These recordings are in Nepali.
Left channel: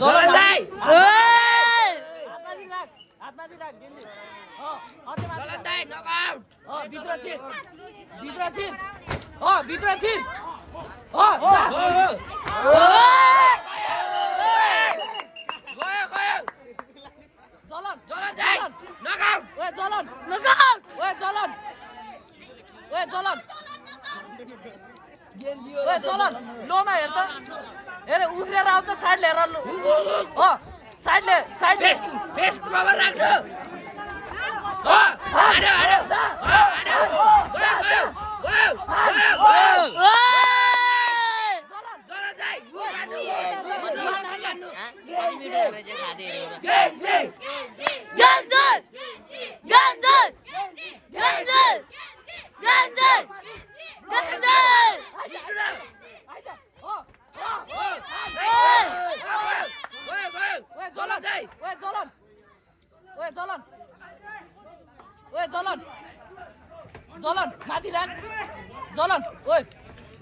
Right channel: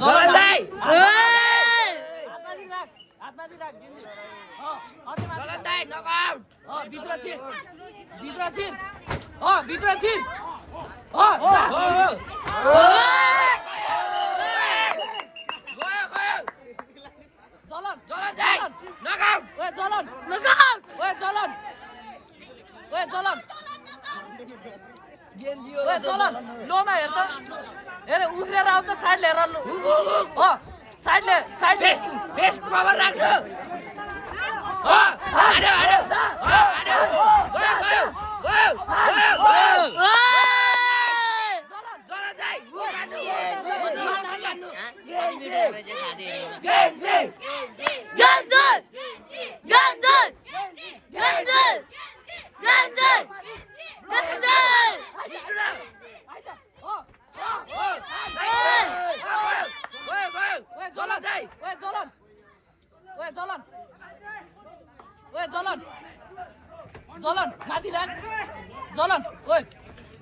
जलन दाइ जलन दाइ नकआउट भित्र छिर भित्र छिर जलन दाइ नकआउट गेन्जी हो लोमा हेर त हेर उफ्रेर आउँछ साइड लिएर साइड फेस कभर राख्नु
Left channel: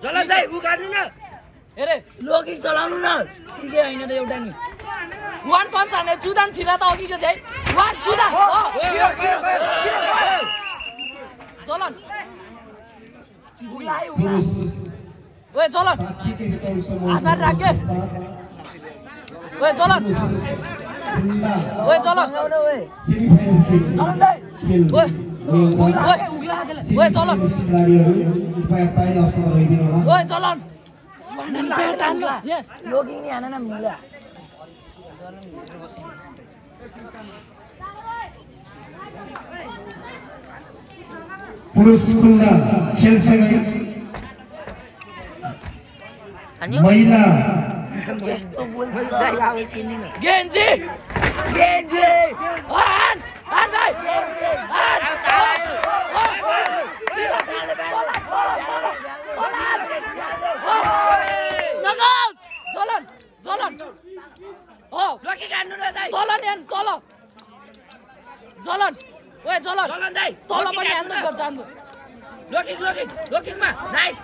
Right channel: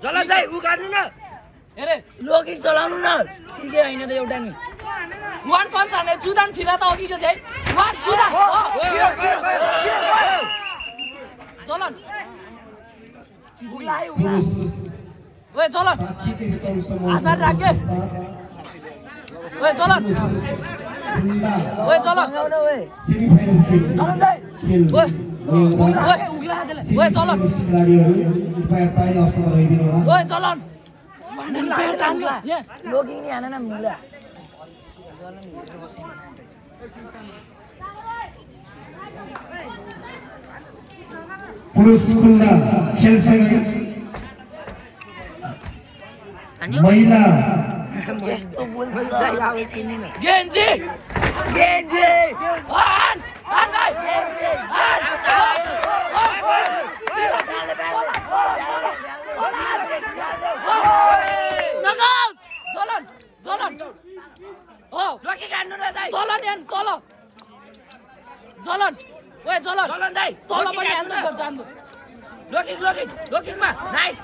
जलन दाइ उकार्नु न हेरे लोगी चलाउनु न ठिकै हैन त एउटा नि वान पञ्च हाने जुदान छिरा त अघिको चाहिँ वान जुदान जलन पुरुष ओए जलन साथीको हितौ समूह राकेश ओए जलन ओए जलन जलन दाइ ओए जलन गाडीहरु कृपया तयारी अवस्थामा रहिदिनु होला ओए जलन लोगी नि हान न मुला पुरुष खुल्ला खेलसँगै महिला गेन्जी लोगी गाड्नु न दाइ जलन दाइ लोकिङमा नाइस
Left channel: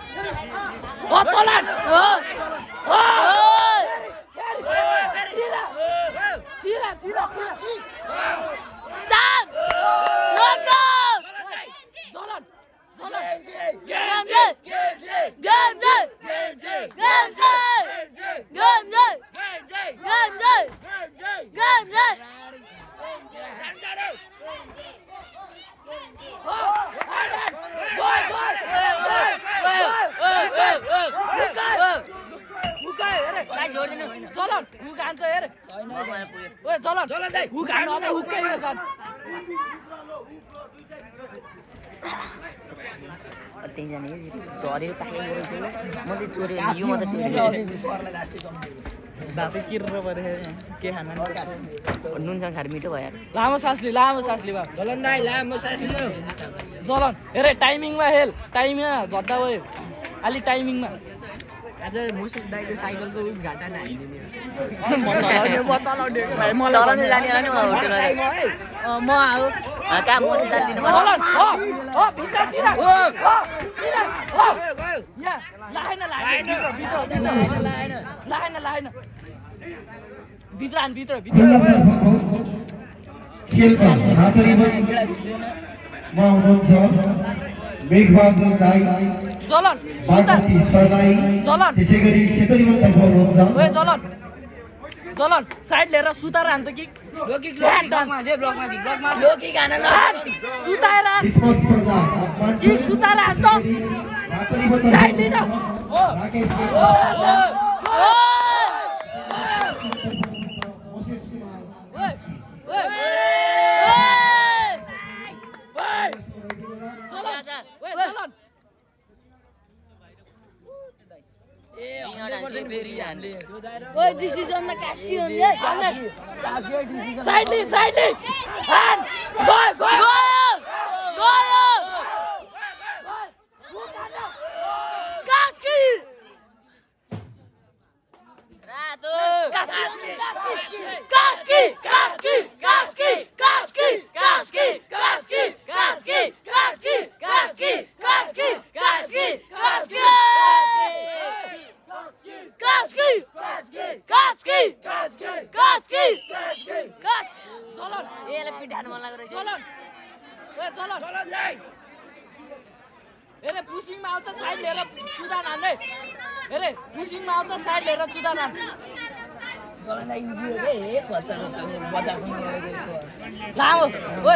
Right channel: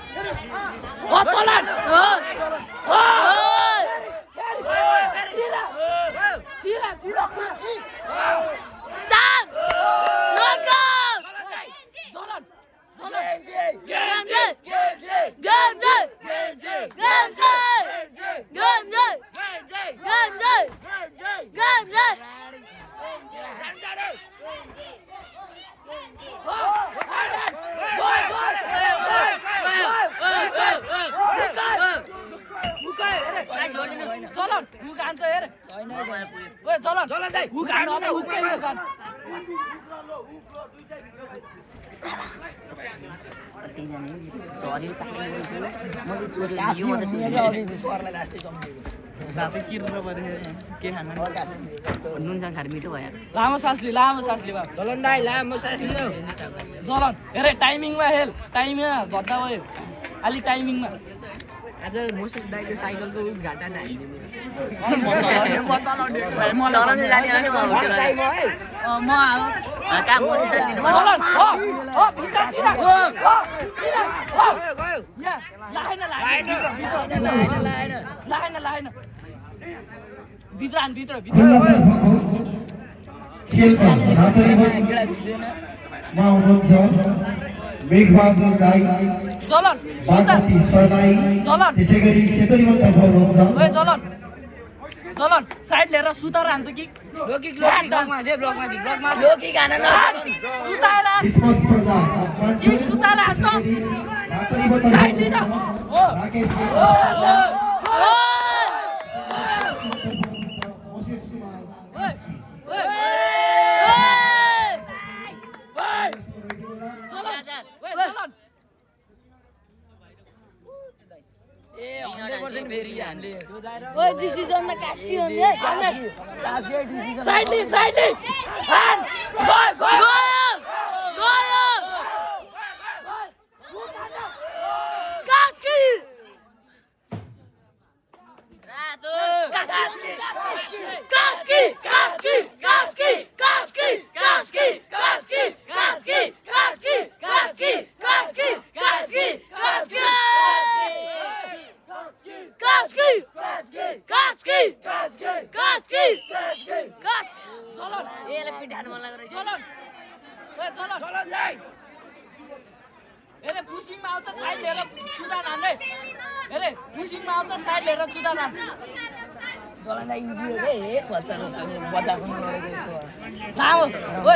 लामो सास लि जलन दाइ लामो सास लिनु जलन हेरे टाइमिङमा हेल टाइमिङमा भत्ता भयो अलि टाइमिङमा आज मोसेस दाइको साइकलको घाटा हालिदिने म आऊ भित्र खेलमा आउनुहुन्छ मेघबहादुर राई बागमती सरलाई त्यसै गरी सेतरीमा हुनुहुन्छ जलन साइड लिएर सुताएर हान्छ कि स्पोर्ट्स प्रजा Rakesh Moses Kumar Boy, this is on the Kaski on here. Sidely. And go. Kaski! Kaski! Kaski! Kaski! चलन यसलाई पिटाउनु मन लाग्यो चलन यसले पुसिङमा आउँछ साइड लिएर सुदान हान्दै यसले पुसिङमा आउँछ साइड लिएर सुदान हान् लामो ओए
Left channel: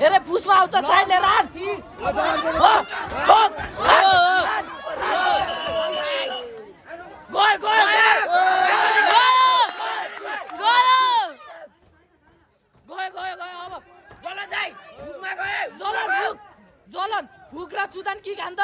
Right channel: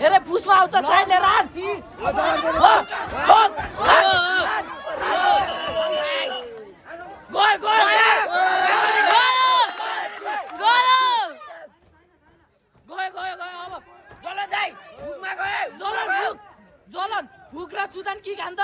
यसले पुसमा आउँछ साइड लिएर हान गयो गयो जलन हुक र चुदान के खान्छ